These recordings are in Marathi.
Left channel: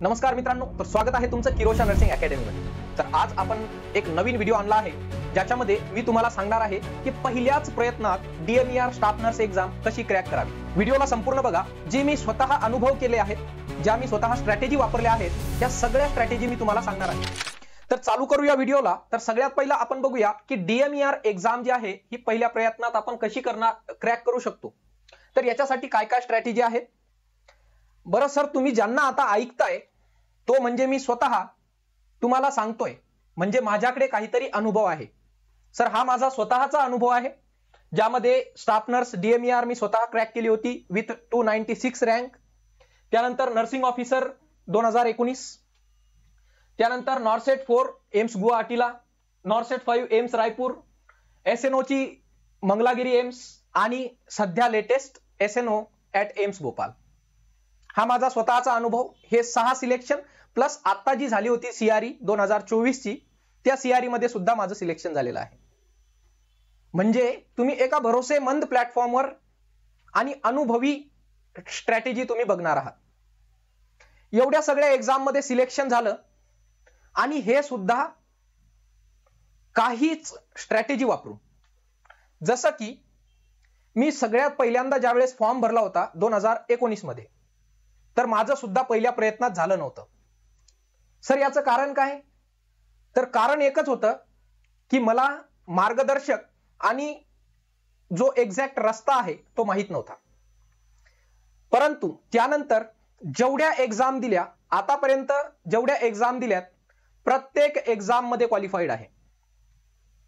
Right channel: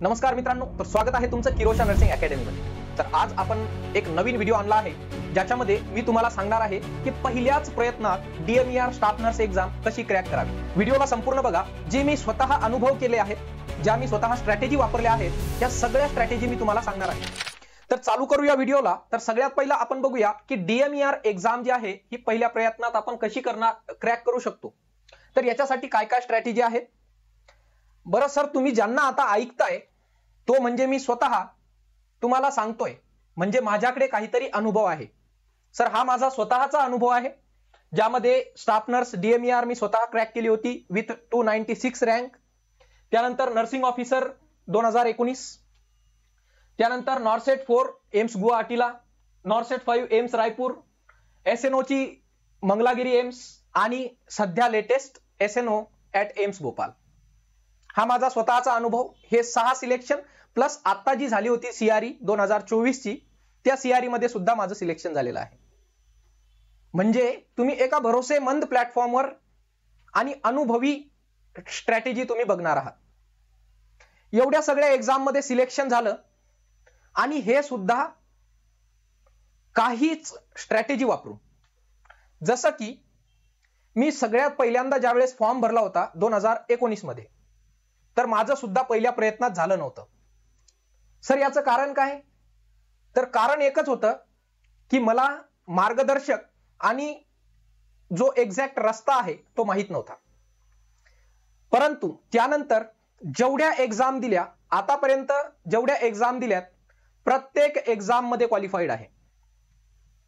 नमस्कार मित्रांनो, तर स्वागत आहे तुमचं किरोशा नर्सिंग अकॅडमी मध्ये। तर आज आपण एक नवीन व्हिडिओ आणला आहे ज्याच्यामध्ये मी तुम्हाला सांगणार आहे की पहिल्याच प्रयत्नात DMER स्टाफ नर्स एक्झाम कशी क्रॅक करावी। व्हिडिओला संपूर्ण बघा। जे मी स्वतः अनुभव केले आहेत, ज्या मी स्वतः स्ट्रॅटेजी वापरल्या आहेत, त्या सगळ्या स्ट्रॅटेजी मी तुम्हाला सांगणार आहे। तर चालू करूया व्हिडिओला। तर सगळ्यात पहिला आपण बघूया की DMER एक्झाम जी आहे ही पहिल्या प्रयत्नात आपण कशी क्रॅक करू शकतो। तर याच्यासाठी काय काय स्ट्रॅटेजी आहेत बरं सर, तुम्ही ज्यांना आता ऐकताय तो म्हणजे मी स्वतः तुम्हाला सांगतोय, म्हणजे माझ्याकडे काहीतरी अनुभव आहे। सर हा माझा स्वतःचा अनुभव आहे ज्यामध्ये स्टाफ नर्स DMER मी स्वतः क्रॅक केली होती विथ 296 रँक। त्यानंतर नर्सिंग ऑफिसर 2019, त्यानंतर नॉर्सेट 4 एम्स गुवाहाटीला, नॉर्सेट 5 एम्स रायपूर, SNO ची मंगलागिरी एम्स आणि सध्या latest SNO at AIIMS Bhopal. हा माझा स्वतःचा अनुभव। हे 6 सिलेक्शन प्लस आता जी झाली होती CRE 2024 ची, त्या CRE मध्ये सुद्धा माझं सिलेक्शन झालेलं आहे। म्हणजे तुम्ही एका भरोसेमंद प्लॅटफॉर्मवर आणि अनुभवी स्ट्रॅटेजी तुम्ही बघणार आहात। एवढ्या सगळ्या एक्झाम मध्ये सिलेक्शन झालं आणि हे सुद्धा काहीच स्ट्रॅटेजी वापरून। जसं की मी सगळ्यात पहिल्यांदा ज्यावेळेस फॉर्म भरला होता 2019 मध्ये, तर माझं सुद्धा पहिल्या प्रयत्नात झालं नव्हतं। सर याचं कारण काय? तर कारण एकच होतं की मला मार्गदर्शक आणि जो एक्झॅक्ट रस्ता आहे तो माहित नव्हता। परंतु त्यानंतर जेवढ्या एक्झाम दिल्या, आतापर्यंत जेवढ्या एक्झाम दिल्यात, प्रत्येक एक्झाम मध्ये क्वालिफाईड आहे।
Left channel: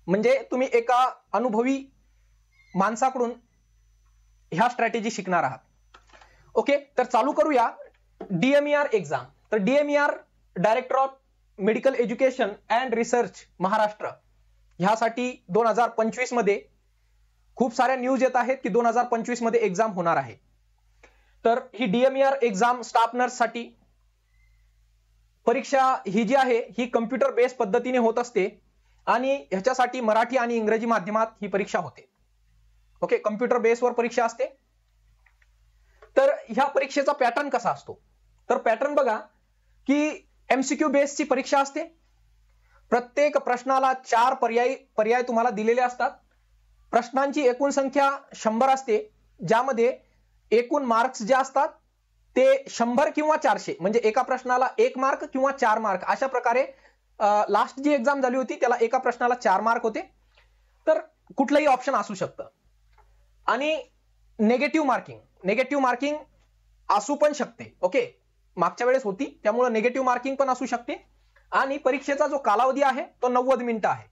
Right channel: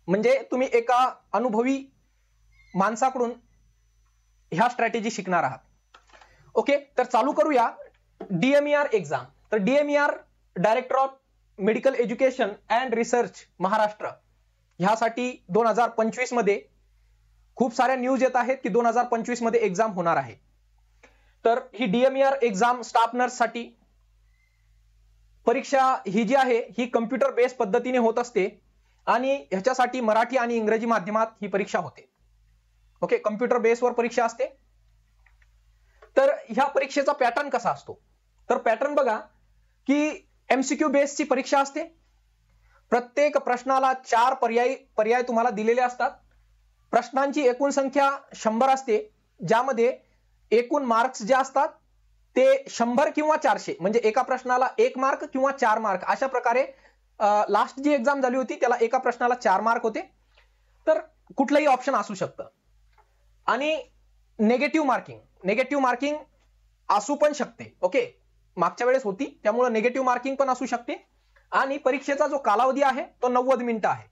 म्हणजे तुम्ही एका अनुभवी माणसाकडून ह्या स्ट्रॅटेजी शिकणार आहात। ओके, तर चालू करूया DMER एक्झाम। तर DMER director of medical education and research Maharashtra, ह्यासाठी 2025 मध्ये खूप साऱ्या न्यूज येत आहेत की 2025 मध्ये एक्झाम होणार आहे। तर ही DMER एक्झाम स्टाफ नर्स साठी परीक्षा ही जी आहे ही कम्प्युटर बेस्ड पद्धतीने होत असते आणि ह्याच्यासाठी मराठी आणि इंग्रजी माध्यमात ही परीक्षा होते। ओके, कम्प्युटर बेसवर परीक्षा असते। तर ह्या परीक्षेचा पॅटर्न कसा असतो? तर पॅटर्न बघा की MCQ बेसची परीक्षा असते। प्रत्येक प्रश्नाला 4 पर्याय तुम्हाला दिलेले असतात। प्रश्नांची एकूण संख्या 100 असते, ज्यामध्ये एकूण मार्क्स जे असतात ते 100 किंवा 400, म्हणजे एका प्रश्नाला 1 मार्क किंवा 4 मार्क अशा प्रकारे। लास्ट जी एक्झाम झाली होती त्याला एका प्रश्नाला 4 मार्क होते। तर कुठलंही ऑप्शन असू शकतं। आणि नेगेटिव्ह मार्किंग असू पण शकते। ओके, मागच्या वेळेस होती त्यामुळे नेगेटिव्ह मार्किंग पण असू शकते। आणि परीक्षेचा जो कालावधी आहे तो 90 मिनिटं आहे।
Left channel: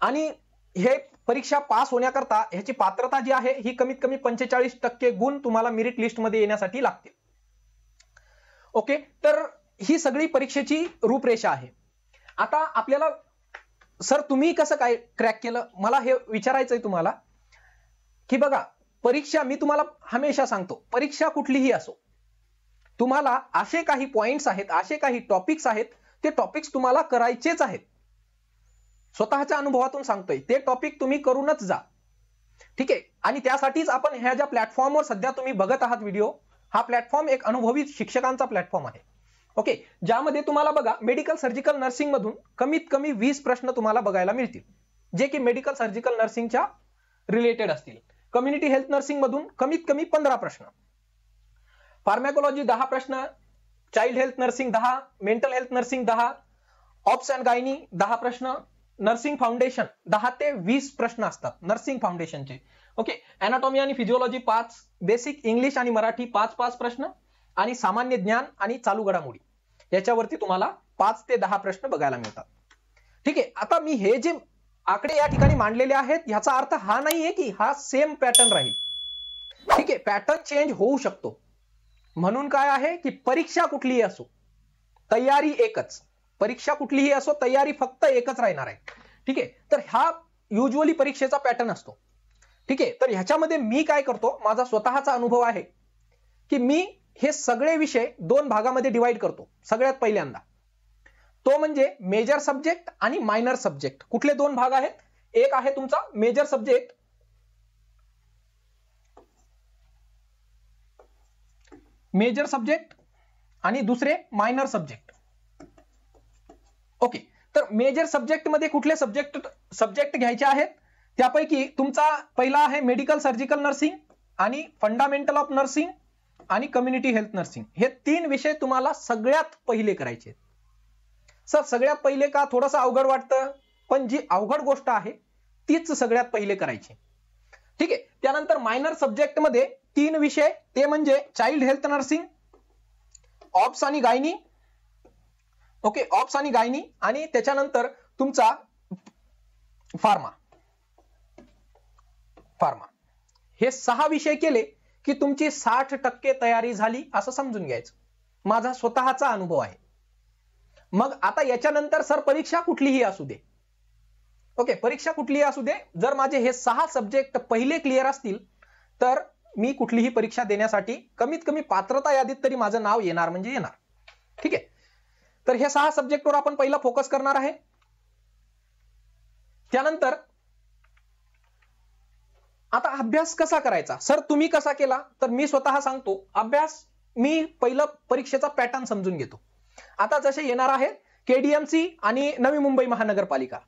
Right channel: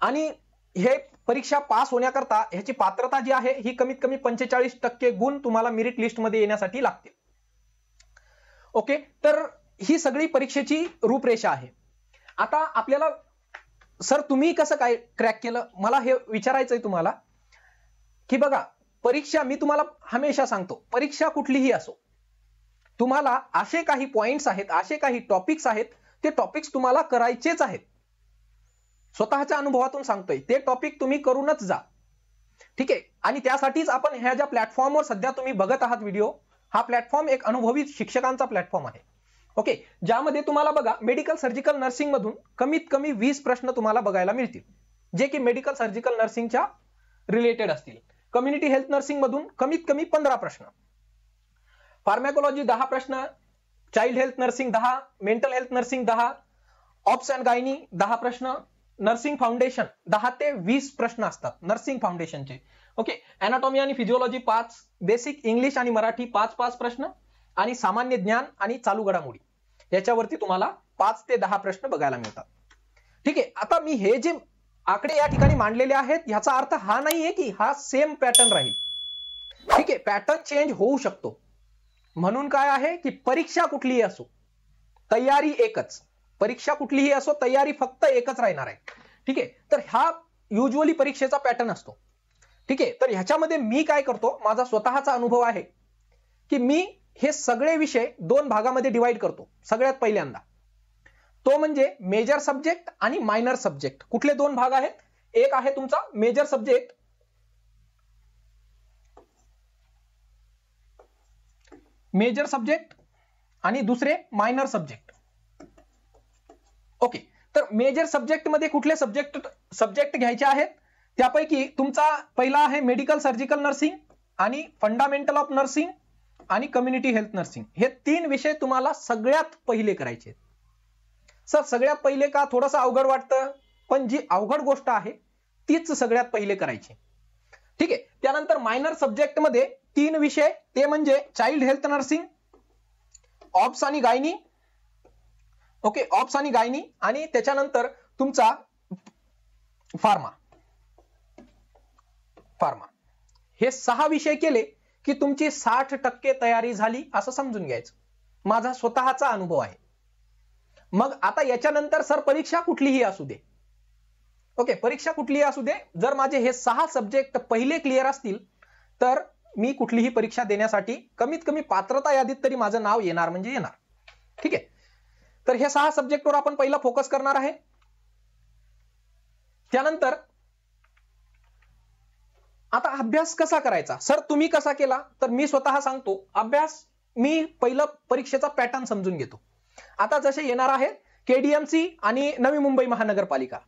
आणि हे परीक्षा पास होण्याकरता ह्याची पात्रता जी आहे ही कमीत कमी 45% गुण तुम्हाला मेरिट लिस्ट मध्ये येण्यासाठी लागतील। ओके, तर ही सगळी परीक्षेची रूपरेषा आहे। आता आपल्याला सर तुम्ही कसं काय क्रॅक केलं, मला हे विचारायचंय तुम्हाला की बघा, परीक्षा मी तुम्हाला हमेशा सांगतो, परीक्षा कुठलीही असो, तुम्हाला असे काही पॉइंट्स आहेत, असे काही टॉपिक्स आहेत, ते टॉपिक्स तुम्हाला करायचेच आहेत। स्वतःच्या अनुभवातून सांगतोय, ते टॉपिक तुम्ही करूनच जा। ठीक आहे, आणि त्यासाठीच आपण ह्या ज्या प्लॅटफॉर्मवर सध्या तुम्ही बघत आहात व्हिडिओ, हा प्लॅटफॉर्म एक अनुभवी शिक्षकांचा प्लॅटफॉर्म आहे। ओके, ज्यामध्ये तुम्हाला बघा मेडिकल सर्जिकल नर्सिंग मधून कमीत कमी 20 प्रश्न तुम्हाला बघायला मिळतील, जे की मेडिकल सर्जिकल नर्सिंगच्या रिलेटेड असतील। कम्युनिटी हेल्थ नर्सिंग मधून कमीत कमी 15 प्रश्न, फार्मॅकोलॉजी 10 प्रश्न, child health nursing 10, mental health nursing 10, ops and गायनी 10 प्रश्न, नर्सिंग फाउंडेशन 10 ते 20 प्रश्न असतात नर्सिंग फाउंडेशनचे। ओके, अॅनाटॉमी आणि फिजिओलॉजी 5, बेसिक इंग्लिश आणि मराठी 5 प्रश्न, आणि सामान्य ज्ञान आणि चालू घडामोडी याच्यावरती तुम्हाला 5 ते 10 प्रश्न बघायला मिळतात। ठीक आहे, आता मी हे जे आकडे या ठिकाणी मांडलेले आहेत याचा अर्थ हा नाहीये की हा सेम पॅटर्न राहील। ठीक आहे, पॅटर्न चेंज होऊ शकतो। म्हणून काय आहे की परीक्षा कुठलीही असो, तयारी एकच। परीक्षा कुठलीही असो, तयारी फक्त एकच राहणार आहे। ठीक आहे, तर हा युजुअली परीक्षेचा पॅटर्न असतो। ठीक आहे, तर ह्याच्यामध्ये मी काय करतो, माझा स्वतःचा अनुभव आहे की मी हे सगळे विषय 2 भागामध्ये डिवाइड करतो। सगळ्यात पहिल्यांदा तो म्हणजे मेजर सब्जेक्ट आणि मायनर सब्जेक्ट। कुठले 2 भाग आहेत? एक आहे तुमचा मेजर सब्जेक्ट, आणि दुसरे मायनर सब्जेक्ट. ओके, तर मेजर सब्जेक्ट मध्ये कुठले सब्जेक्ट घ्यायचे आहेत? त्यापैकी तुमचा पहिला आहे मेडिकल सर्जिकल नर्सिंग आणि फंडामेंटल ऑफ नर्सिंग आणि कम्युनिटी हेल्थ नर्सिंग. हे 3 विषय तुम्हाला सगळ्यात पहिले करायचे. सर सगळ्यात पहिले का? थोडंसं अवघड वाटतं, पण जी अवघड गोष्ट आहे तीच सगळ्यात पहिले करायची. ठीक आहे. त्यानंतर मायनर सब्जेक्ट मध्ये 3 विषय, ते म्हणजे चाइल्ड हेल्थ नर्सिंग, ऑब्स आणि गायनी. ओके, ऑब्स आणि गायनी, आणि त्याच्यानंतर तुमचा फार्मा. हे 6 विषय केले की तुमची 60% तयारी झाली असं समजून घ्यायचं. माझा स्वतःचा अनुभव आहे. मग आता याच्यानंतर सर परीक्षा कुठलीही असू दे, ओके, परीक्षा कुठलीही असू दे, जर माझे हे 6 सब्जेक्ट पहिले क्लिअर असतील तर मी कुठलीही परीक्षा देण्यासाठी कमीत कमी पात्रता यादीत तरी माझं नाव येणार म्हणजे येणार. ठीक आहे. तर हे 6 सब्जेक्टवर आपण पहिला फोकस करणार आहे. त्यानंतर आता अभ्यास कसा करायचा? सर तुम्ही कसा केला? तर मी स्वतः सांगतो. अभ्यास मी पहिलं परीक्षेचा पॅटर्न समजून घेतो. आता जसे येणार आहे केडीएमसी आणि नवी मुंबई महानगरपालिका,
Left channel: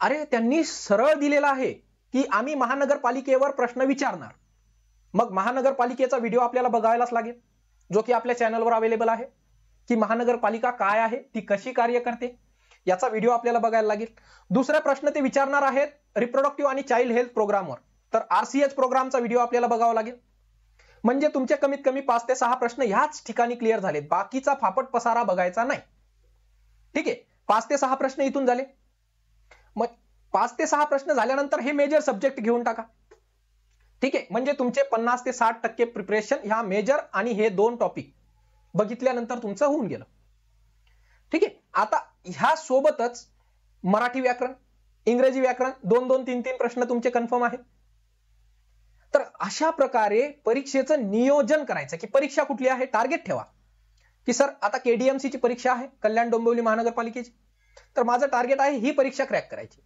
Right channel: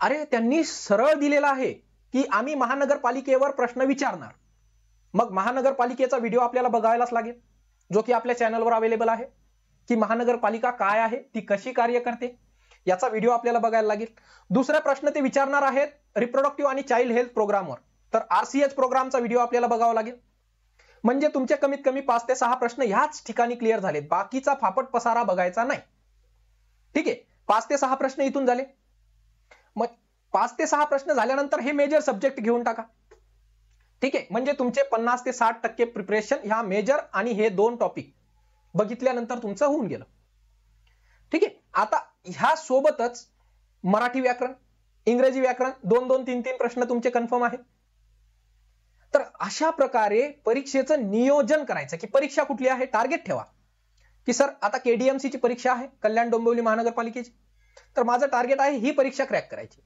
अरे त्यांनी सरळ दिलेला आहे की आम्ही महानगरपालिकेवर प्रश्न विचारणार. मग महानगरपालिकेचा व्हिडिओ आपल्याला बघायलाच लागेल, जो की आपल्या चॅनलवर अवेलेबल आहे, की महानगरपालिका काय आहे, ती कशी कार्य करते, याचा व्हिडिओ आपल्याला बघायला लागेल. दुसरा प्रश्न ते विचारणार आहेत रिप्रोडक्टिव्ह आणि चाइल्ड हेल्थ प्रोग्रामवर, तर आरसीएच प्रोग्रामचा व्हिडिओ आपल्याला बघावा लागेल. म्हणजे तुमचे कमीत कमी 5 ते 6 प्रश्न ह्याच ठिकाणी क्लिअर झालेत, बाकीचा फापट पसारा बघायचा नाही. ठीक आहे. 5 ते 6 प्रश्न इथून झाले. मग 5 ते 6 प्रश्न झाल्यानंतर हे मेजर सब्जेक्ट घेऊन टाका. ठीक आहे. म्हणजे तुमचे 50 ते 60% प्रिपरेशन ह्या मेजर आणि हे 2 टॉपिक बघितल्यानंतर तुमचं होऊन गेलं. ठीक आहे. आता ह्या सोबतच मराठी व्याकरण, इंग्रजी व्याकरण 2-2, 3-3 प्रश्न तुमचे कन्फर्म आहेत. तर अशा प्रकारे परीक्षेचं नियोजन करायचं की परीक्षा कुठली आहे, टार्गेट ठेवा की सर आता केडीएमसी ची परीक्षा आहे, कल्याण डोंबिवली महानगरपालिकेची, तर माझं टार्गेट आहे ही परीक्षा क्रॅक करायची.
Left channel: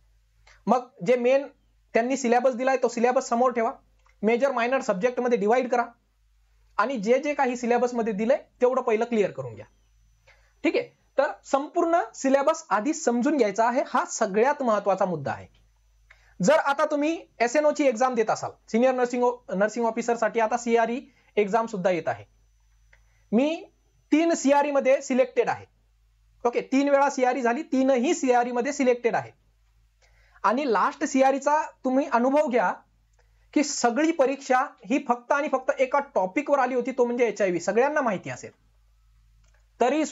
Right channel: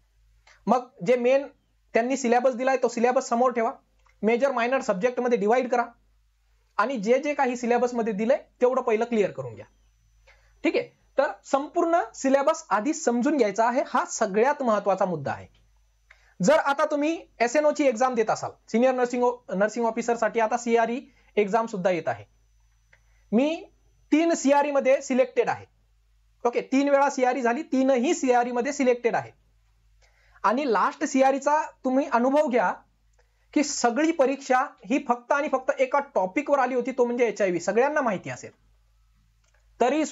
मग जे मेन त्यांनी सिलेबस दिलाय तो सिलेबस समोर ठेवा, मेजर मायनर सब्जेक्ट मध्ये डिवाइड करा आणि जे जे काही सिलेबस मध्ये दिलंय तेवढं पहिलं क्लिअर करून घ्या. ठीक आहे. तर संपूर्ण सिलेबस आधी समजून घ्यायचा आहे, हा सगळ्यात महत्वाचा मुद्दा आहे. जर आता तुम्ही एसएनओ ची एक्झाम देत असाल, सिनियर नर्सिंग ऑफिसर साठी आता सीआरई एक्झाम सुद्धा येत आहे. मी 3 सीआरई मध्ये सिलेक्टेड आहे. ओके, 3 वेळा सीआरई झाली, 3ही सीआरई मध्ये सिलेक्टेड आहे. आणि लास्ट सीआरईचा तुम्ही अनुभव घ्या की सगळी परीक्षा ही फक्त आणि फक्त एका टॉपिकवर आली होती, तो म्हणजे एचआयव्ही. सगळ्यांना माहिती असेल, तरीही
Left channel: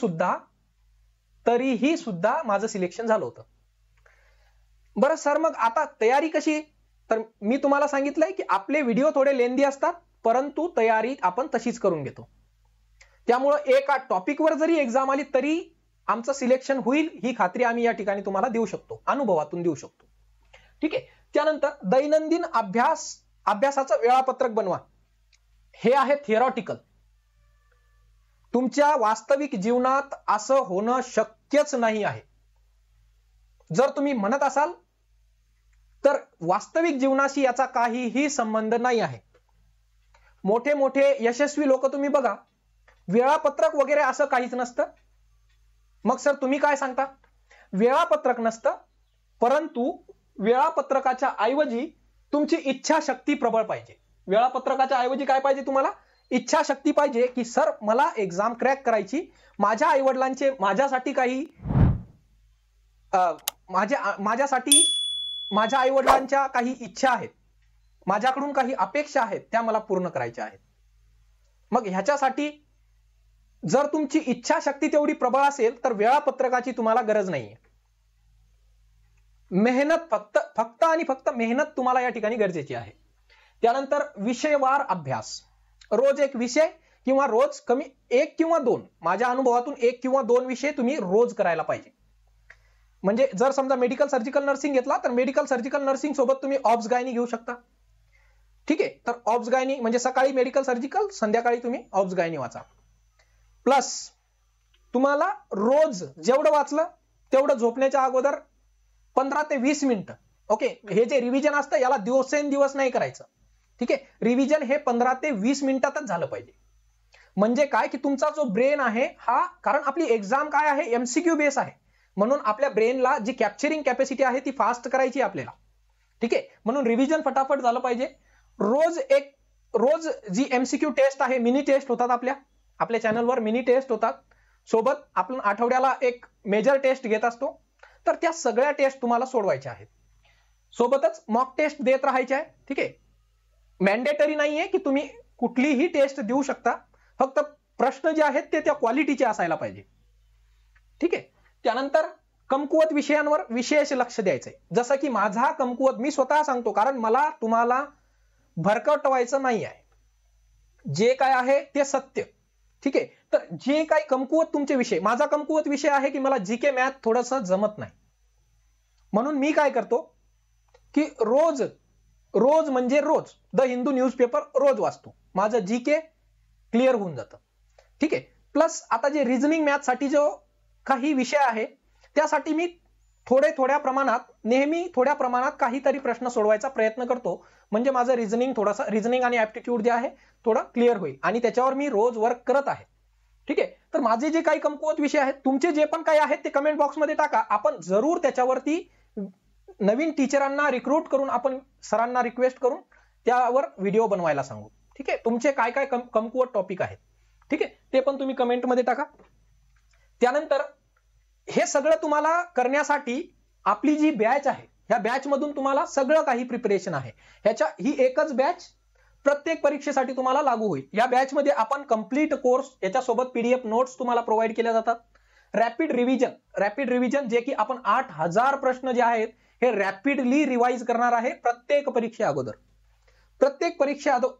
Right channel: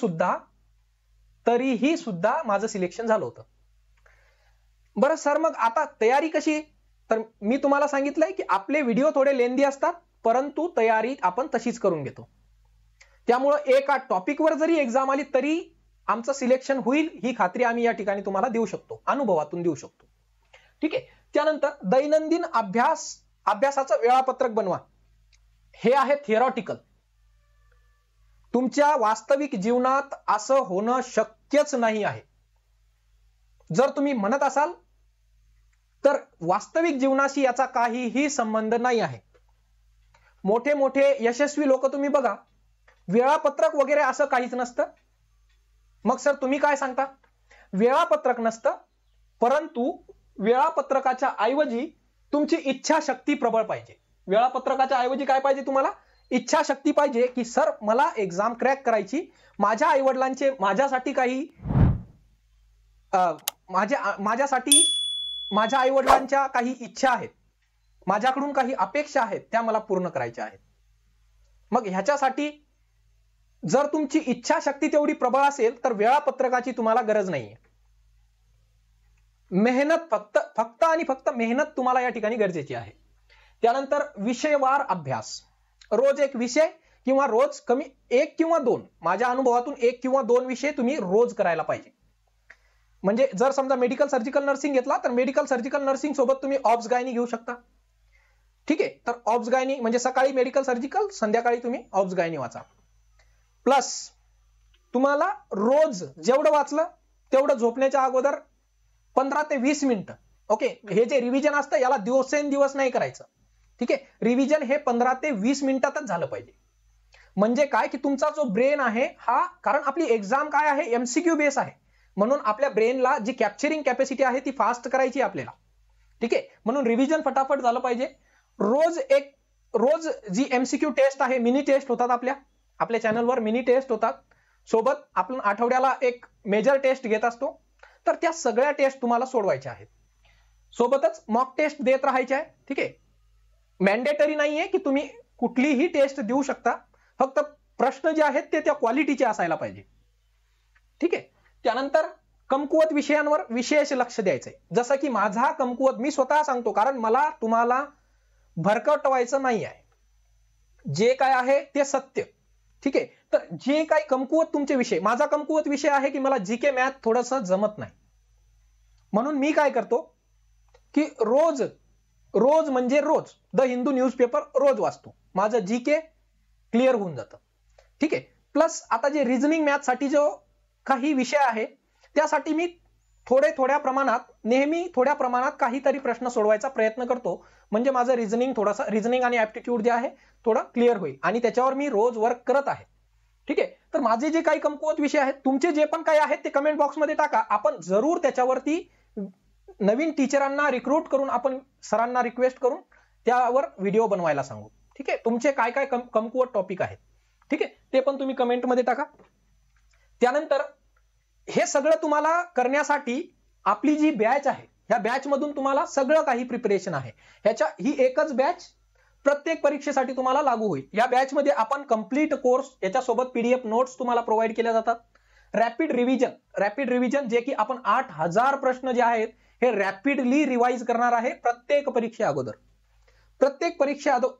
सुद्धा माझं सिलेक्शन झालं होतं. बरं सर, मग आता तयारी कशी? तर मी तुम्हाला सांगितलंय की आपले व्हिडिओ थोडे लेंदी असतात, परंतु तयारी आपण तशीच करून घेतो. त्यामुळे एका टॉपिकवर जरी एक्झाम आली तरी आमचं सिलेक्शन होईल ही खात्री आम्ही या ठिकाणी तुम्हाला देऊ शकतो, अनुभवातून देऊ शकतो. ठीक आहे. त्यानंतर दैनंदिन अभ्यासाचं वेळापत्रक बनवा. हे आहे थिअरॉटिकल. तुमच्या वास्तविक जीवनात असं होणं शक्यच नाही आहे. जर तुम्ही म्हणत असाल तर वास्तविक जीवनाशी याचा काहीही संबंध नाही आहे. मोठे मोठे यशस्वी लोक तुम्ही बघा, वेळापत्रक वगैरे असं काहीच नसतं. मग सर तुम्ही काय सांगता? वेळापत्रक नसतं, परंतु वेळापत्रकाच्या ऐवजी तुमची इच्छाशक्ती प्रबळ पाहिजे. वेळापत्रकाच्या ऐवजी काय पाहिजे तुम्हाला? इच्छाशक्ती पाहिजे की सर मला एक्झाम क्रॅक करायची, माझ्या आईवडिलांचे माझ्यासाठी काही माझ्या आईवडिलांच्या काही इच्छा आहेत, माझ्याकडून काही अपेक्षा आहेत, त्या मला पूर्ण करायच्या आहेत. मग ह्याच्यासाठी जर तुमची इच्छाशक्ती तेवढी प्रबळ असेल तर वेळापत्रकाची तुम्हाला गरज नाहीये. मेहनत फक्त आणि फक्त मेहनत तुम्हाला या ठिकाणी गरजेची आहे. त्यानंतर विषयवार अभ्यास. रोज एक विषय किंवा रोज कमी 1 किंवा 2, माझ्या अनुभवातून 1 किंवा 2 विषय तुम्ही रोज करायला पाहिजे. म्हणजे जर समजा मेडिकल सर्जिकल नर्सिंग घेतला तर मेडिकल सर्जिकल नर्सिंग सोबत तुम्ही ऑब्स गायनी घेऊ शकता. ठीक आहे. तर ऑब्स गायनी म्हणजे सकाळी मेडिकल सर्जिकल, संध्याकाळी तुम्ही ऑब्स गायनी वाचा. प्लस तुम्हाला रोज जेवढं वाचलं तेवढं झोपण्याच्या अगोदर 15 ते 20 मिनिटं. ओके, हे जे रिव्हिजन असतं याला दिवसेंदिवस नाही करायचं. ठीक आहे. रिव्हिजन हे 15 ते 20 मिनिटातच झालं पाहिजे. म्हणजे काय की तुमचा जो ब्रेन आहे हा, कारण आपली एक्झाम काय आहे, एमसीक्यू बेस आहे, म्हणून आपल्या ब्रेनला जी कॅप्चरिंग कॅपॅसिटी आहे ती फास्ट करायची आपल्याला. ठीक आहे, म्हणून रिव्हिजन फटाफट झालं पाहिजे. रोज जी एमसीक्यू टेस्ट आहे, मिनी टेस्ट होतात आपल्या चॅनलवर, मिनी टेस्ट होतात. सोबत आपण आठवड्याला एक मेजर टेस्ट घेत असतो. तर त्या सगळ्या टेस्ट तुम्हाला सोडवायच्या आहेत. सोबतच मॉक टेस्ट देत राहायचे आहे. ठीक आहे, मॅन्डेटरी नाहीये की तुम्ही कुठलीही टेस्ट देऊ शकता, फक्त प्रश्न जे आहेत ते त्या क्वालिटीचे असायला पाहिजे. ठीक आहे, त्यानंतर कमकुवत विषयांवर विशेष लक्ष द्यायचंय. जसं की माझा कमकुवत, मी स्वतः सांगतो, कारण मला तुम्हाला भरकटवायचं नाही आहे, जे काय आहे ते सत्य. ठीक आहे, तर जे काही कमकुवत तुमचे विषय, माझा कमकुवत विषय आहे की मला जीके मॅथ थोडासा जमत नाही, म्हणून मी काय करतो की रोज म्हणजे रोज द हिंदू न्यूजपेपर रोज वाचतो, माझं जीके क्लिअर होऊन जातं. ठीक आहे, प्लस आता जे रिझनिंग मॅथ साठी जो काही विषय आहे त्यासाठी मी थोड्या प्रमाणात काहीतरी प्रश्न सोडवायचा प्रयत्न करतो, म्हणजे माझं रिझनिंग आणि ऍप्टिट्यूड जे आहे थोडं क्लिअर होईल, आणि त्याच्यावर मी रोज वर्क करत आहे. ठीक आहे, तर माझे जे काही कमकुवत विषय आहेत, तुमचे जे पण काही आहेत ते कमेंट बॉक्समध्ये टाका. आपण जरूर त्याच्यावरती नवीन टीचरांना रिक्रूट करून, आपण सरांना रिक्वेस्ट करून त्यावर व्हिडिओ बनवायला सांगू. ठीक आहे, तुमचे काय काय कमकुवत टॉपिक आहेत, ठीक आहे, ते पण तुम्ही कमेंटमध्ये टाका. त्यानंतर हे सगळं तुम्हाला करण्यासाठी आपली जी बॅच आहे, ह्या बॅच मधून तुम्हाला सगळं काही प्रिपरेशन आहे. ही एकच बॅच प्रत्येक परीक्षेसाठी तुम्हाला लागू होईल. या बॅच मध्ये आपण कंप्लीट कोर्स, याच्यासोबत पीडीएफ नोट्स तुम्हाला प्रोव्हाइड केले जातात. रॅपिड रिव्हिजन जे की आपण 8000 प्रश्न जे आहेत हे रॅपिडली रिवाइज करणार आहे प्रत्येक परीक्षे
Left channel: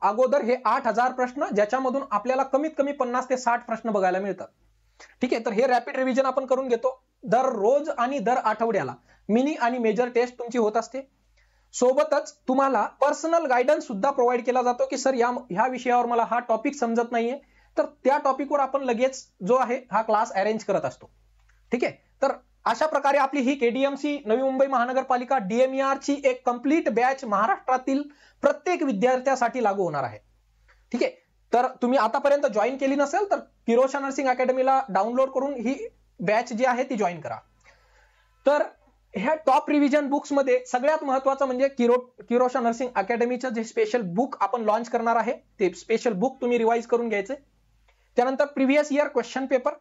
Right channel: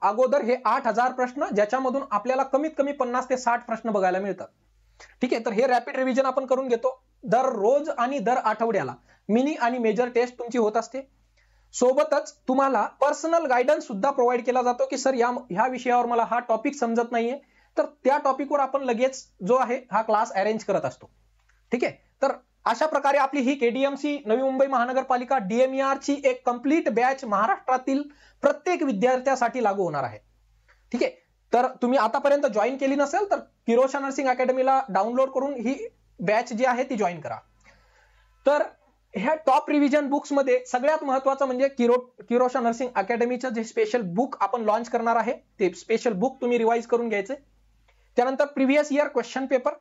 अगोदर हे 8000 प्रश्न, ज्याच्यामधून आपल्याला कमीत कमी 50 ते 60 प्रश्न बघायला मिळतात. ठीक आहे, तर हे रॅपिड रिव्हिजन आपण करून घेतो. दररोज आणि दर आठवड्याला मिनी आणि मेजर टेस्ट तुमची होत असते. सोबतच तुम्हाला पर्सनल गायडन्स सुद्धा प्रोव्हाइड केला जातो की सर ह्या विषयावर मला हा टॉपिक समजत नाहीये, तर त्या टॉपिकवर आपण लगेच जो आहे हा क्लास अरेंज करत असतो. ठीक आहे, तर अशा प्रकारे आपली ही केडीएमसी नवी मुंबई महानगरपालिका डीएमईआर ची एक कंप्लीट बॅच महाराष्ट्रातील प्रत्येक विद्यार्थ्यासाठी लागू होणार आहे. ठीक आहे, तर तुम्ही आतापर्यंत जॉईन केली नसेल तर किरोशा नर्सिंग अकॅडमीला डाउनलोड करून ही बॅच जी आहे ती जॉईन करा. तर ह्या टॉप रिव्हिजन बुक्स मध्ये सगळ्यात महत्वाचं म्हणजे किरोशा नर्सिंग अकॅडमीचं जे स्पेशल बुक आपण लॉन्च करणार आहे, ते स्पेशल बुक तुम्ही रिवाइज करून घ्यायचे. त्यानंतर प्रिव्हियस इयर क्वेश्चन पेपर,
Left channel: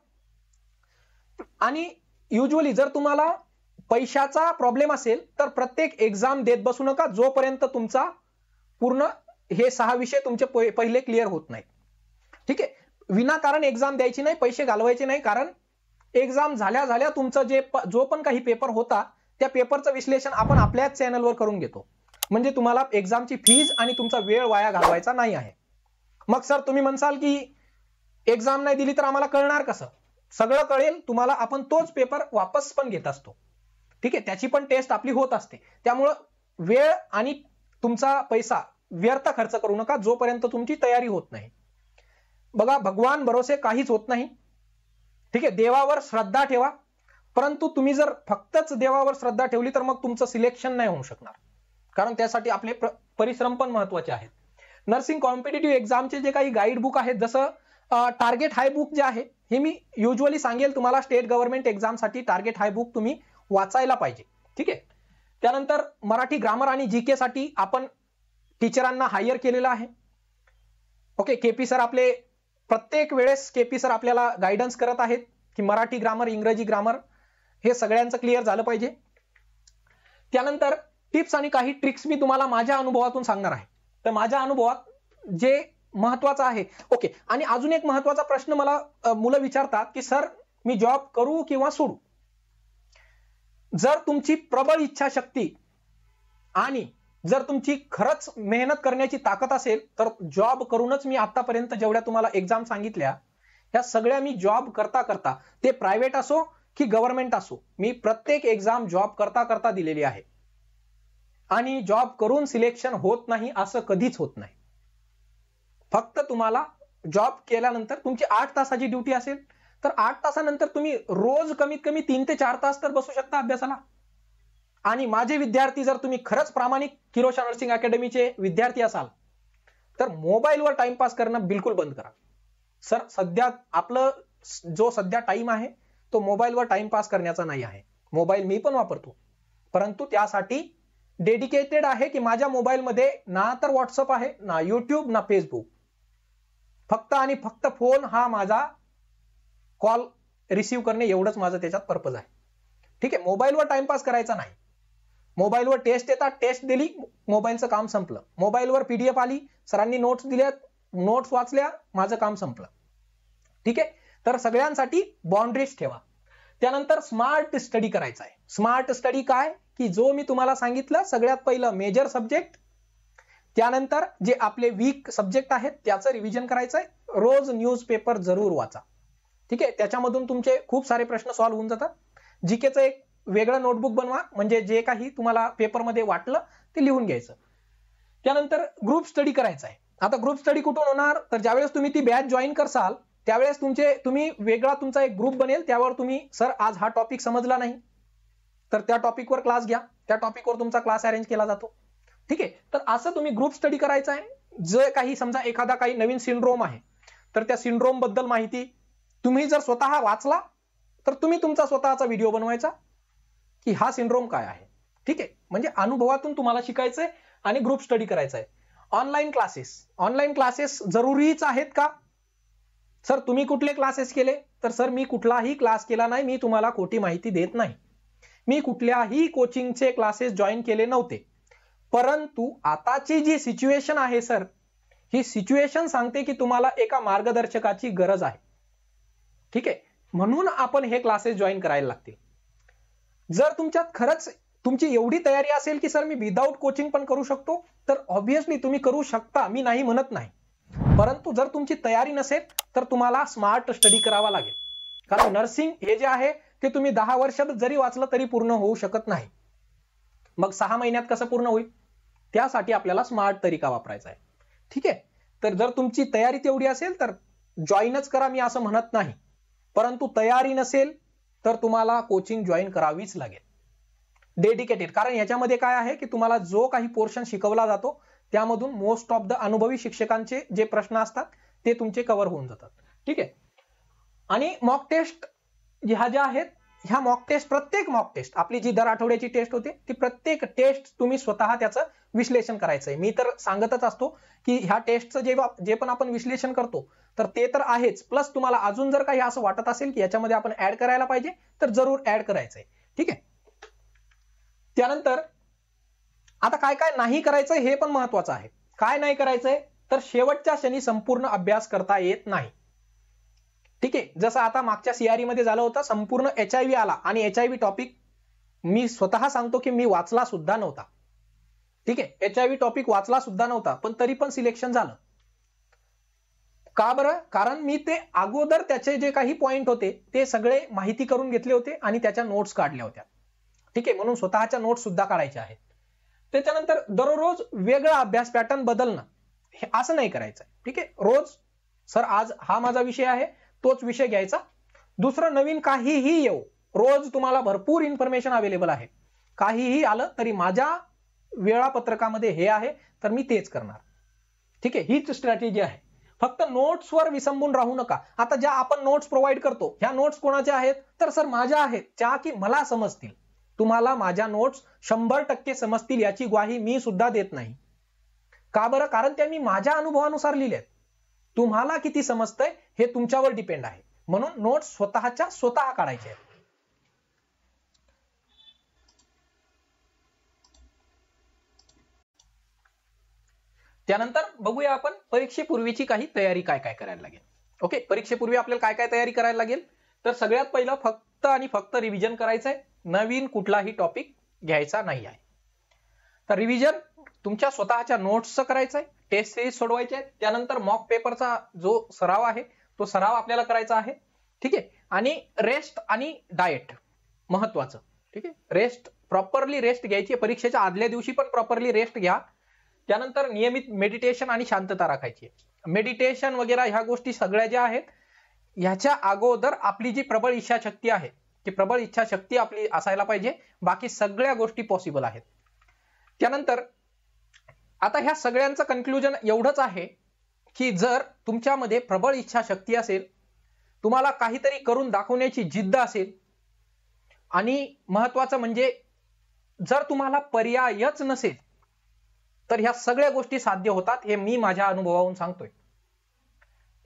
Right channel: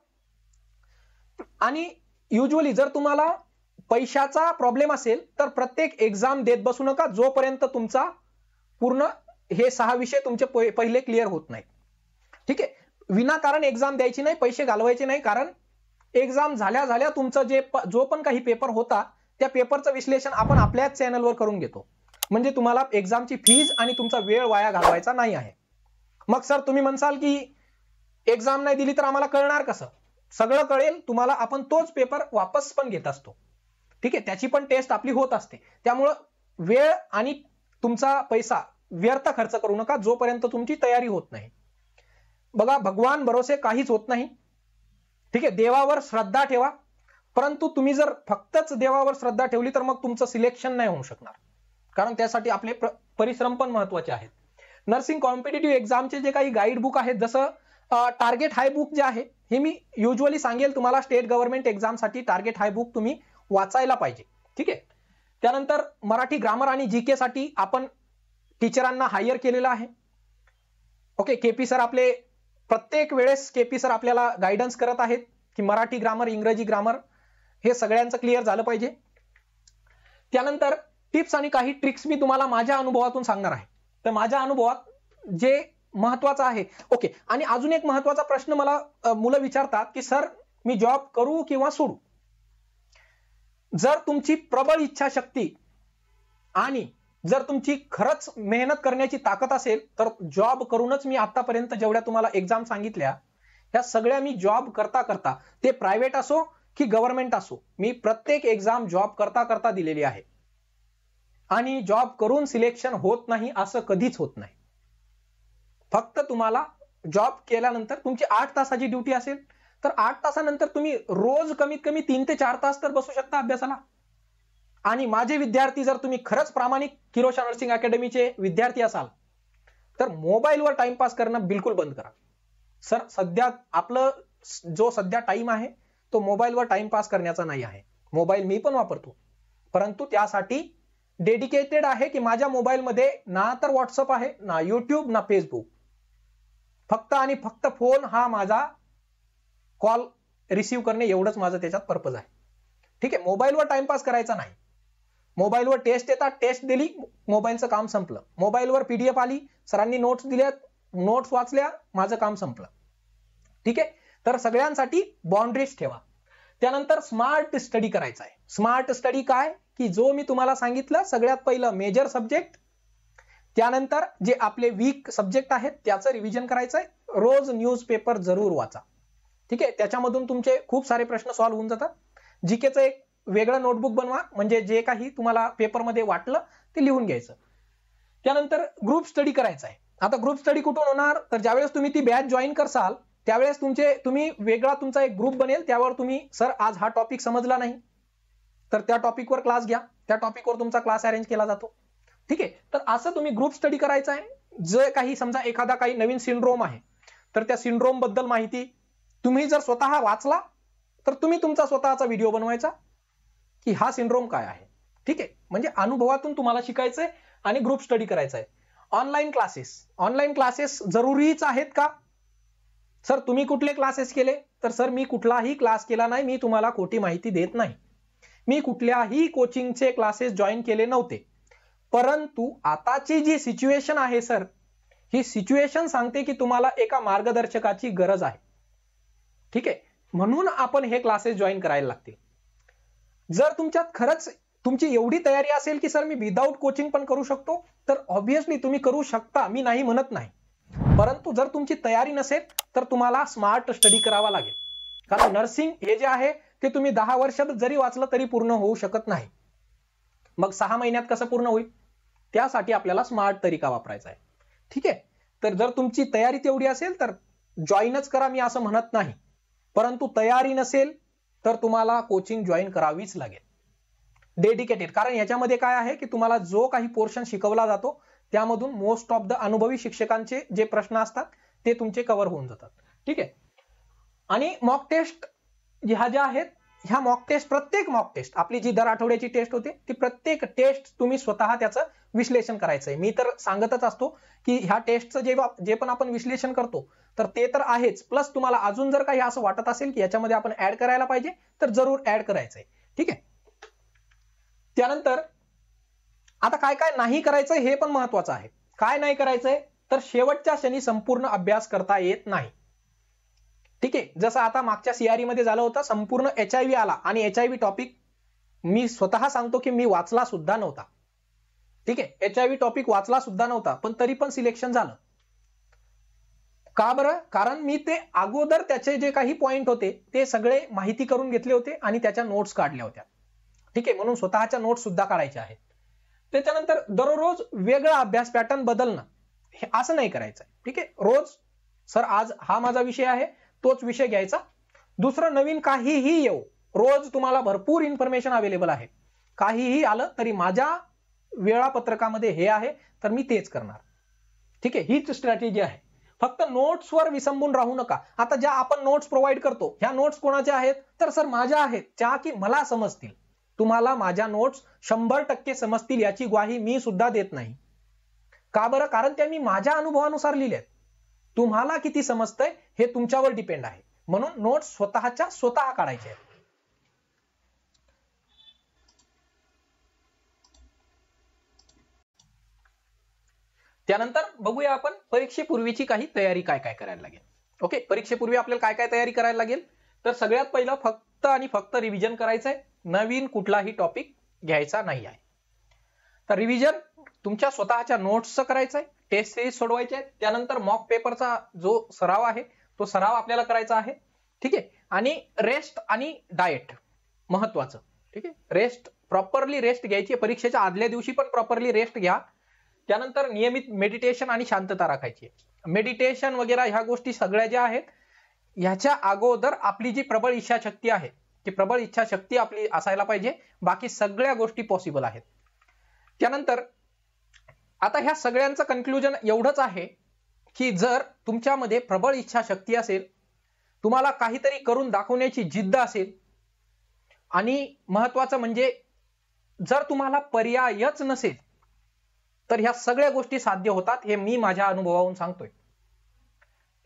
आणि युजली जर तुम्हाला पैशाचा प्रॉब्लेम असेल तर प्रत्येक एक्झाम देत बसू नका जोपर्यंत तुमचा पूर्ण हे 6 विषय तुमचे पहिले क्लिअर होत नाही. ठीक आहे, विनाकारण एक्झाम द्यायची नाही, पैसे घालवायचे नाही, कारण एक्झाम झाल्या तुमचा जो पण काही पेपर होता त्या पेपरचं विश्लेषण आपण आपल्याच चॅनलवर करून घेतो, म्हणजे तुम्हाला एक्झामची फीज आणि तुमचा वेळ वाया घालवायचा नाही आहे. मग सर तुम्ही म्हणसाल की एक्झाम नाही दिली तर आम्हाला कळणार कसं? सगळं कळेल तुम्हाला, आपण तोच पेपर वापस पण घेत असतो. ठीक आहे, त्याची पण टेस्ट आपली होत असते. त्यामुळं वेळ आणि तुमचा पैसा व्यर्थ खर्च करू नका जोपर्यंत तुमची तयारी होत नाही. बघा, भगवान भरोसे काहीच होत नाही. ठीक आहे, देवावर श्रद्धा ठेवा, परंतु तुम्ही जर फक्तच देवावर श्रद्धा ठेवली तर मग तुमचं सिलेक्शन नाही होऊ शकणार, कारण त्यासाठी आपले परिश्रम पण महत्वाचे आहेत. नर्सिंग कॉम्पिटिटिव्ह एक्झामचे जे काही गाईड बुक आहेत, जसं टार्गेट हाय बुक जे आहे, हे मी युजली सांगेल तुम्हाला, स्टेट गव्हर्नमेंट एक्झाम साठी टार्गेट हाय बुक तुम्ही वाचायला पाहिजे. ठीक आहे, त्यानंतर मराठी ग्रामर आणि जीके साठी आपण टीचरांना हायर केलेलं आहे. ओके, केपी सर आपले प्रत्येक वेळेस आपल्याला गायडन्स करत आहेत की मराठी ग्रामर, इंग्रजी ग्रामर हे सगळ्यांचं क्लिअर झालं पाहिजे. त्यानंतर टिप्स आणि काही ट्रिक्स मी तुम्हाला माझ्या अनुभवातून सांगणार आहे. तर माझ्या अनुभवात जे महत्वाचं आहे, ओके, आणि अजून एक महत्वाचा प्रश्न मला मुलं विचारतात की सर मी जॉब करू किंवा सोडू? जर तुमची प्रबळ इच्छाशक्ती आणि जर तुमची खरंच मेहनत करण्याची ताकद असेल तर जॉब करूनच, मी आतापर्यंत जेवढ्या तुम्हाला एक्झाम सांगितल्या ह्या सगळ्या मी जॉब करता ते प्रायव्हेट असो की गव्हर्नमेंट असो, मी प्रत्येक एक्झाम जॉब करता दिलेली आहे. आणि जॉब करून सिलेक्शन होत नाही असं कधीच होत नाही. फक्त तुम्हाला जॉब केल्यानंतर तुमची 8 तासाची ड्युटी असेल तर 8 तासानंतर तुम्ही रोज कमीत कमी 3 ते 4 तास तर बसू शकता अभ्यासाला. आणि माझे विद्यार्थी, जर तुम्ही खरंच प्रामाणिक किरोशा नर्सिंग अकॅडमीचे विद्यार्थी असाल तर मोबाईलवर टाइमपास करणं बिलकुल बंद करा. सर सध्या आपलं जो सध्या टाइम आहे तो मोबाईलवर टाइमपास करण्याचा नाही आहे. मोबाईल मी पण वापरतो, परंतु त्यासाठी डेडिकेटेड आहे की माझ्या मोबाईलमध्ये ना तर व्हॉट्सअप आहे, ना युट्यूब, ना फेसबुक. फक्त आणि फक्त फोन हा माझा कॉल रिसीव्ह करणे एवढंच माझं त्याच्यात पर्पज आहे. ठीक आहे, मोबाईलवर टाइमपास करायचा नाही. मोबाईलवर टेस्ट येतात, टेस्ट दिली, मोबाईलचं काम संपलं. मोबाईलवर पीडीएफ आली, सरांनी नोट्स दिल्यात, नोट्स वाचल्या, माझं काम संपलं. ठीक आहे, तर सगळ्यांसाठी बाउंड्रीज ठेवा. त्यानंतर स्मार्ट स्टडी करायचा आहे. स्मार्ट स्टडी काय की जो मी तुम्हाला सांगितलं, सगळ्यात पहिलं मेजर सब्जेक्ट, त्यानंतर जे आपले वीक सब्जेक्ट आहेत त्याचं रिव्हिजन करायचंय. रोज न्यूजपेपर जरूर वाचा. ठीक आहे, त्याच्यामधून तुमचे खूप सारे प्रश्न सॉल्व्ह होऊन जातात. जीकेचं एक वेगळं नोटबुक बनवा, म्हणजे जे काही तुम्हाला पेपरमध्ये वाटलं ते लिहून घ्यायचं. त्यानंतर ग्रुप स्टडी करायचा आहे. आता ग्रुप स्टडी कुठून होणार, तर ज्यावेळेस तुम्ही ती बॅच जॉईन करसाल त्यावेळेस तुम्ही वेगळा तुमचा एक ग्रुप बनेल, त्यावर तुम्ही सर आज हा टॉपिक समजला नाही तर त्या टॉपिकवर क्लास घ्या, त्या टॉपिकवर तुमचा क्लास अरेंज केला जातो. ठीक आहे, तर असं तुम्ही ग्रुप स्टडी करायचा आहे. जे काही समजा एखादा काही नवीन सिंड्रोम आहे तर त्या सिंड्रोम बद्दल माहिती तुम्ही जर स्वतः वाचला तर तुम्ही तुमचा स्वतःचा व्हिडिओ बनवायचा की हा सिंड्रोम काय आहे. ठीक आहे, म्हणजे अनुभवातून तुम्हाला शिकायचंय आणि ग्रुप स्टडी करायचा आहे. ऑनलाईन क्लासेस जरुरीच आहेत का सर? तुम्ही कुठले क्लासेस केले, तर सर मी कुठलाही क्लास केला नाही, मी तुम्हाला खोटी माहिती देत नाही. मी कुठल्याही कोचिंगचे क्लासेस जॉईन केले नव्हते, परंतु आताची जी सिच्युएशन आहे सर, ही सिच्युएशन सांगते की तुम्हाला एका मार्गदर्शकाची गरज आहे. ठीक आहे, म्हणून आपण हे क्लासेस जॉईन करायला लागतील. जर तुमच्यात खरंच तुमची एवढी तयारी असेल की सर मी विदाऊट कोचिंग पण करू शकतो, तर ऑब्व्हियसली तुम्ही करू शकता, मी नाही म्हणत नाही. परंतु जर तुमची तयारी नसेल तर तुम्हाला स्मार्ट स्टडी करावा लागेल. कारण नर्सिंग हे जे आहे ते तुम्ही 10 वर्ष जरी वाचलं तरी पूर्ण होऊ शकत नाही. मग 6 महिन्यात कसं पूर्ण होईल, त्यासाठी आपल्याला स्मार्ट तरीका वापरायचा आहे. ठीक आहे, तर जर तुमची तयारी तेवढी असेल तर जॉईनच करा, मी असं म्हणत नाही. परंतु तयारी नसेल तर तुम्हाला कोचिंग जॉईन करावीच लागेल, डेडिकेटेड. कारण याच्यामध्ये काय आहे की तुम्हाला जो काही पोर्शन शिकवला जातो त्यामधून मोस्ट ऑफ द अनुभवी शिक्षकांचे जे प्रश्न असतात ते तुमचे कव्हर होऊन जातात. ठीक आहे, आणि मॉक टेस्ट ह्या ज्या आहेत, ह्या मॉक टेस्ट, प्रत्येक मॉक टेस्ट आपली जी दर आठवड्याची टेस्ट होते ती प्रत्येक टेस्ट तुम्ही स्वतः त्याचं विश्लेषण करायचंय. मी तर सांगतच असतो की ह्या टेस्टचं जे पण आपण विश्लेषण करतो तर ते तर आहेच, प्लस तुम्हाला अजून जर काही असं वाटत असेल की याच्यामध्ये आपण ऍड करायला पाहिजे तर जरूर ऍड करायचंय. ठीक आहे, त्यानंतर आता काय काय नाही करायचंय हे पण महत्वाचं आहे. काय नाही करायचंय, तर शेवटच्या क्षणी संपूर्ण अभ्यास करता येत नाही. ठीक आहे, जसं आता मागच्या सीआरई मध्ये झालं होतं, संपूर्ण HIV आला आणि HIV टॉपिक मी स्वतः सांगतो की मी वाचला सुद्धा नव्हता. ठीक आहे, HIV टॉपिक वाचला सुद्धा नव्हता, पण तरी पण सिलेक्शन झालं. का बरं? कारण मी ते अगोदर त्याचे जे काही पॉइंट होते ते सगळे माहिती करून घेतले होते आणि त्याच्या नोट्स काढल्या होत्या. ठीक आहे, म्हणून स्वतःच्या नोट्स सुद्धा काढायच्या आहेत. त्याच्यानंतर दररोज वेगळा अभ्यास पॅटर्न बदलणं, असं नाही करायचं. ठीक आहे, रोज सर आज हा माझा विषय आहे तोच विषय घ्यायचा, दुसरं नवीन काहीही येऊ, रोज तुम्हाला भरपूर इन्फॉर्मेशन अवेलेबल आहे. काहीही आलं तरी माझ्या वेळापत्रकामध्ये हे आहे तर मी तेच करणार. ठीक आहे, हीच स्ट्रॅटेजी आहे. फक्त नोट्सवर विसंबून राहू नका. आता ज्या आपण नोट्स प्रोव्हाइड करतो ह्या नोट्स कोणाच्या आहेत, तर सर माझ्या आहेत, त्या की मला समजतील. तुम्हाला माझ्या नोट्स 100% समजतील याची ग्वाही मी सुद्धा देत नाही. का बरं? कारण त्या मी माझ्या अनुभवानुसार लिहिल्यात. तुम्हाला किती समजतंय हे तुमच्यावर डिपेंड आहे. म्हणून नोट्स स्वतःच्या स्वतः काढायचे आहेत. त्यानंतर बघूया आपण परीक्षेपूर्वीची काही तयारी काय काय करायला लागेल. ओके, परीक्षेपूर्वी आपल्याला काय काय तयारी करायला लागेल, तर सगळ्यात पहिलं फक्त आणि फक्त रिव्हिजन करायचंय. नवीन कुठलाही टॉपिक घ्यायचा नाही आहे. तर रिव्हिजन तुमच्या स्वतःच्या नोट्सचं करायचंय, टेस्ट सिरीज सोडवायचे आहेत. त्यानंतर मॉक पेपरचा जो सराव आहे तो सराव आपल्याला करायचा आहे. ठीक आहे, आणि रेस्ट आणि डाएट महत्वाचं. ठीक आहे, रेस्ट, प्रॉपरली रेस्ट घ्यायची. परीक्षेच्या आदल्या दिवशी पण प्रॉपरली रेस्ट घ्या. त्यानंतर नियमित मेडिटेशन आणि शांतता राखायची. मेडिटेशन वगैरे ह्या गोष्टी सगळ्या ज्या आहेत ह्याच्या अगोदर आपली जी प्रबळ इच्छाशक्ती आहे ती प्रबळ इच्छाशक्ती आपली असायला पाहिजे. बाकी सगळ्या गोष्टी पॉसिबल आहेत. त्यानंतर आता ह्या सगळ्यांचं कन्क्लुजन एवढंच आहे की जर तुमच्यामध्ये प्रबळ इच्छाशक्ती असेल, तुम्हाला काहीतरी करून दाखवण्याची जिद्द असेल, आणि महत्वाचं म्हणजे जर तुम्हाला पर्यायच नसेल, तर ह्या सगळ्या गोष्टी साध्य होतात, हे मी माझ्या अनुभवावरून सांगतोय.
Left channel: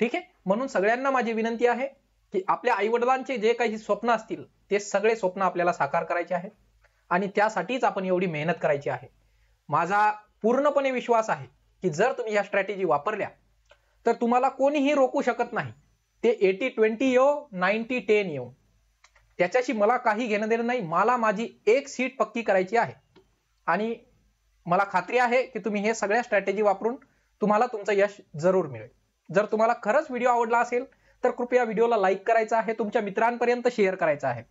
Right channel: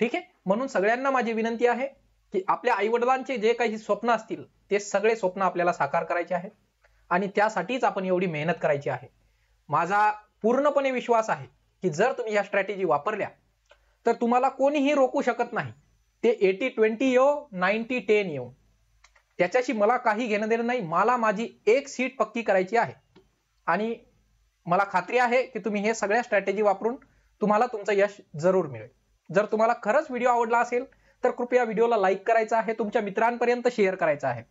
ठीक आहे. म्हणून सगळ्यांना माझी विनंती आहे की आपल्या आई वडिलांचे जे काही स्वप्न असतील ते सगळे स्वप्न आपल्याला साकार करायचे आहे, आणि त्यासाठीच आपण एवढी मेहनत करायची आहे. माझा पूर्णपणे विश्वास आहे की जर तुम्ही ह्या स्ट्रॅटेजी वापरल्या तर तुम्हाला कोणीही रोखू शकत नाही. ते 80-20 येऊ 90-10 येऊ, त्याच्याशी मला काही घेणं देणं नाही. मला माझी एक सीट पक्की करायची आहे, आणि मला खात्री आहे की तुम्ही हे सगळ्या स्ट्रॅटेजी वापरून तुम्हाला तुमचं यश जरूर मिळेल. जर तुम्हाला खरंच व्हिडिओ आवडला असेल तर कृपया व्हिडिओला लाईक करायचा आहे, तुमच्या मित्रांपर्यंत शेअर करायचा आहे,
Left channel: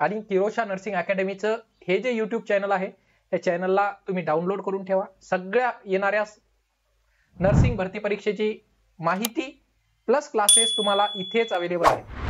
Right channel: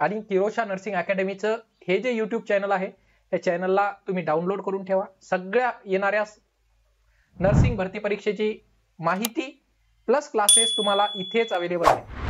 आणि फिरोजशाह नर्सिंग अकॅडमीचं हे जे युट्यूब चॅनल आहे त्या चॅनलला तुम्ही डाउनलोड करून ठेवा. सगळ्या येणाऱ्या नर्सिंग भरती परीक्षेची माहिती प्लस क्लासेस तुम्हाला इथेच अवेलेबल आहे.